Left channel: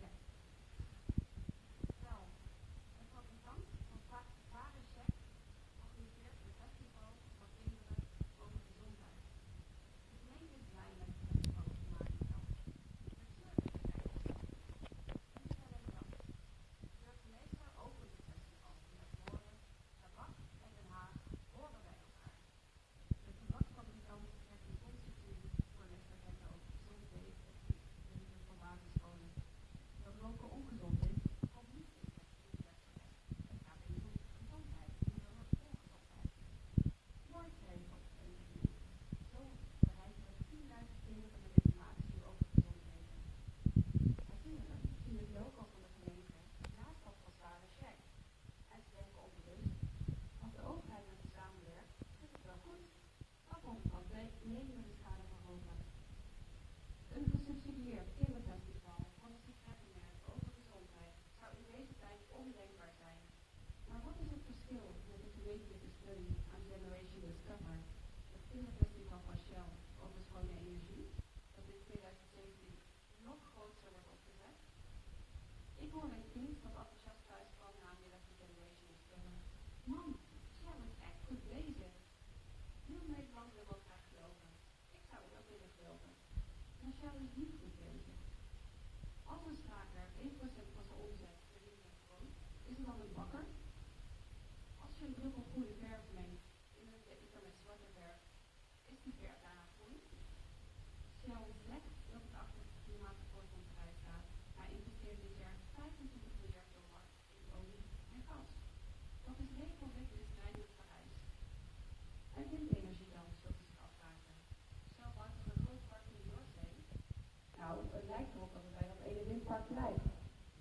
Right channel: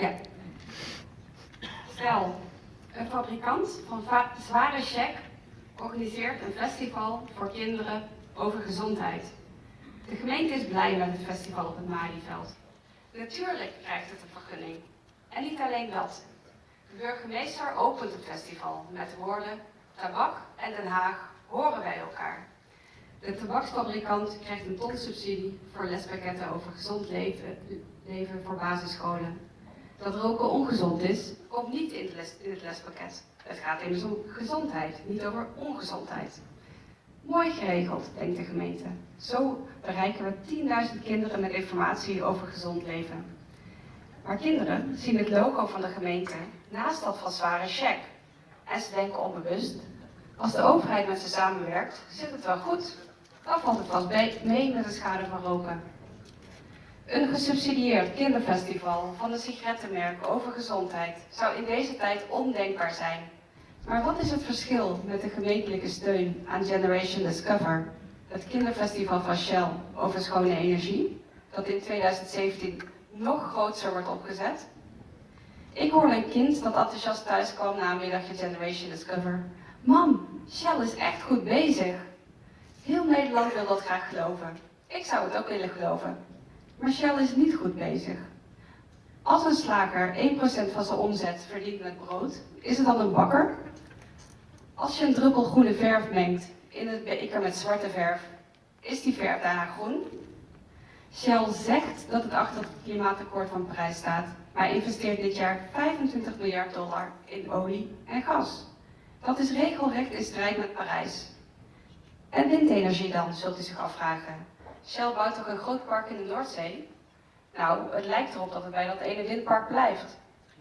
Ja. Stel, een fabrikant van zware check organiseert een festival voor kinderen over gezondheid. De gemeente is blij met het festival op het Malieveld. Natuurlijk krijgt het een vergunning. En niet alleen dat. De burgemeester opent het festival met de woorden: tabak en Den Haag horen bij elkaar. De tabaksfabrikant krijgt een ton subsidie voor lespakketten over gezond leven voor basisscholen. Dat roken ongezond is, komt niet in het lespakket. Het gaat immers om gezondheid, niet over ongezondheid. Mooi geregeld, denkt de gemeente. Zo bereiken we 10.000 kinderen met informatie over gezond leven. Maar kinderen zien het logo van de gemeente naast dat van zware check. En ze denken onbewust: als de overheid met ze samenwerkt, zit het wel goed. Dan valt het vast mee met de schade van roken. Een gesubsidieerd kinderfestival van een sigarettenmerk over gezondheid zou in deze tijd ondenkbaar zijn. Maar wat is het verschil met de gemeentelijke steun aan Generation Discover, het kinderfestival van Shell over schone energie, dat in 2017 nog groter wordt opgezet? Ik hoorde een kind dat enthousiast thuis kwam na een middagje Generation Discover. Mam, Shell is echt goed bezig. Heel Nederland wil dat graag geloven. Ik zou het ook willen geloven. Maar Shell is niet goed bezig. Als een slager 1% van zijn omzet verdient met brood, is het dan een bakker? Als je een druppel groene verf mengt in het beker met zwarte verf, is die verf daarna groen? Shell zegt dat het achter het klimaatakkoord van Parijs staat, maar investeert dit jaar $25 miljard in olie en gas. Dat is regelrecht in strijd met Parijs. En windenergie dan, zult u zich afvragen. Shell bouwt toch een groot park in de Noordzee? Nou, het lijkt erop dat het bij dat ene windpark blijft.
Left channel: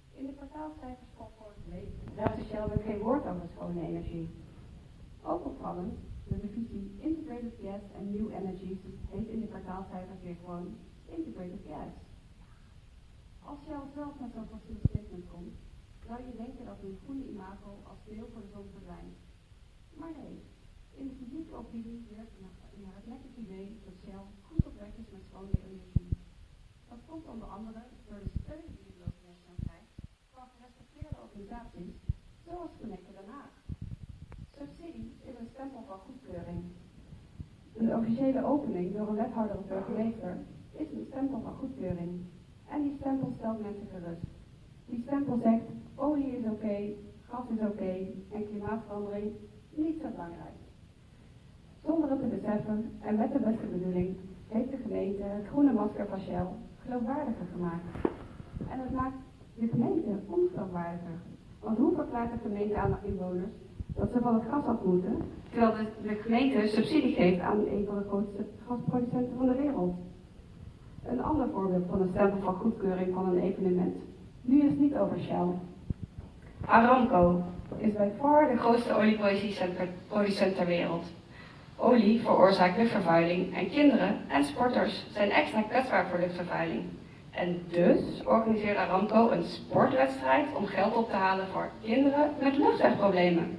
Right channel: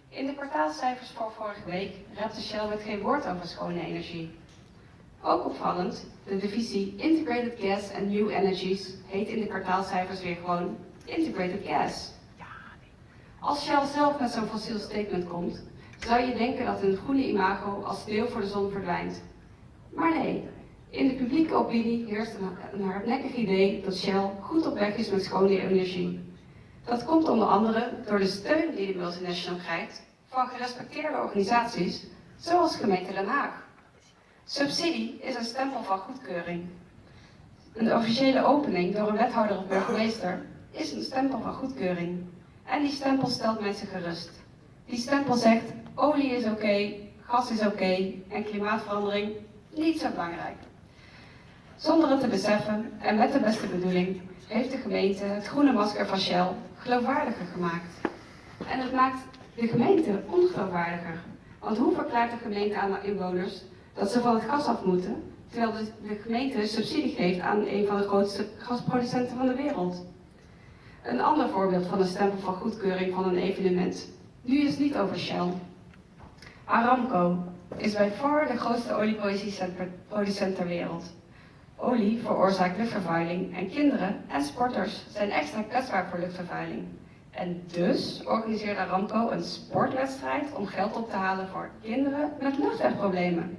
In de kwartaalcijfers van vorige week raapte Shell met geen woord over schone energie. Ook opvallend, de divisie Integrated Gas and New Energies heet in de kwartaalcijfers weer gewoon Integrated Gas. Als Shell zelf met zo'n fossiel statement komt, zou je denken dat hun groene imago als sneeuw voor de zon verdwijnt. Maar nee, in de publieke opinie heerst een hardnekkig idee dat Shell goed op weg is met schone energie. Dat komt onder andere door de steun die de multinational krijgt van gerespecteerde organisaties, zoals gemeente Den Haag. Subsidie is een stempel van goedkeuring. Een officiële opening door een wethouder of burgemeester is een stempel van goedkeuring. En die stempel stelt mensen gerust. Die stempel zegt: olie is oké, gas is oké en klimaatverandering niet zo belangrijk. Zonder het te beseffen en met de beste bedoeling heeft de gemeente het groene masker van Shell geloofwaardiger gemaakt. En het maakt de gemeente ongeloofwaardiger. Want hoe verklaart de gemeente aan de inwoners dat ze van het gas af moeten, terwijl de gemeente subsidie geeft aan een van de grootste gasproducenten van de wereld? Een ander voorbeeld van een stempel van goedkeuring van een evenement. Nu is het niet over Shell. Aramco is bij far de grootste olieproducent ter wereld. Olie veroorzaakt luchtvervuiling en kinderen en sporters zijn extra kwetsbaar voor luchtvervuiling. En dus organiseert Aramco een sportwedstrijd om geld op te halen voor kinderen met luchtwegproblemen.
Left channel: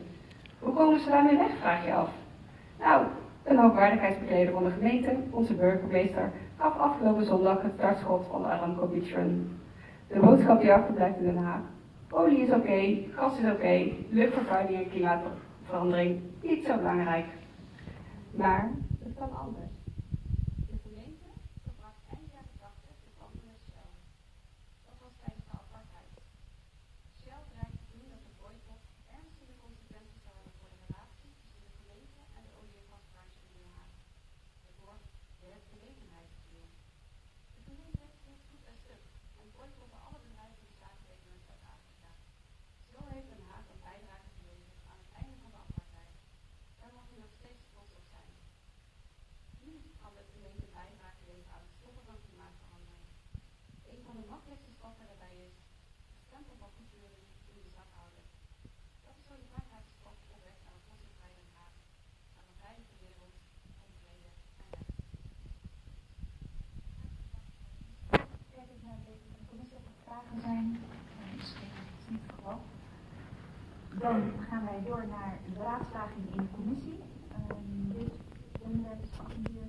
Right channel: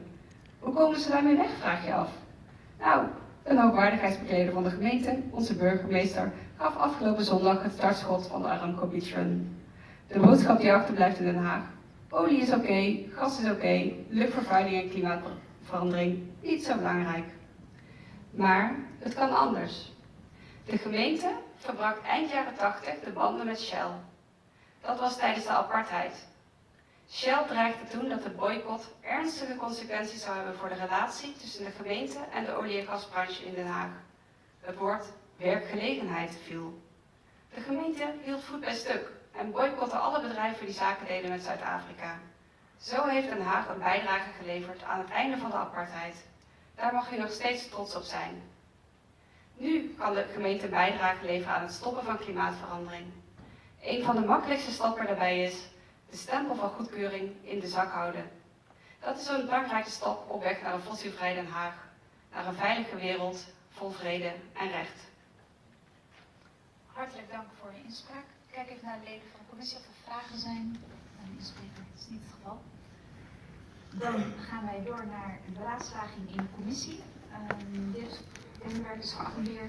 Hoe komen ze daarmee weg, vraag je af? Nou, een hoogwaardigheidsbekleder van de gemeente, onze burgemeester, gaf afgelopen zondag het startschot van de Aramco Beach Run. De boodschap die achterblijft in Den Haag: olie is oké, gas is oké, luchtvervuiling en klimaatverandering niet zo belangrijk. Maar het kan anders. De gemeente verbrak eind jaren 80 de banden met Shell. Dat was tijdens de apartheid. Shell dreigde toen dat de boycott ernstige consequenties zou hebben voor de relatie tussen de gemeente en de olie- en gasbranche in Den Haag. Het woord werkgelegenheid viel. De gemeente hield voet bij stuk en boycotte alle bedrijven die zaken deden met Zuid-Afrika. Zo heeft Den Haag een bijdrage geleverd aan het einde van de apartheid. Daar mag u nog steeds trots op zijn. Nu kan de gemeente bijdrage leveren aan het stoppen van klimaatverandering. Een van de makkelijkste stappen daarbij is de stempel van goedkeuring in de zak houden. Dat is een belangrijke stap op weg naar een fossielvrij Den Haag, naar een veilige wereld vol vrede en recht. Hartelijk dank voor de inspraak. Kijk even naar de leden van de commissie of er vragen zijn. Dat is niet het geval. Dan gaan wij door naar de beraadslaging in de commissie. Deze werk is geattendeerd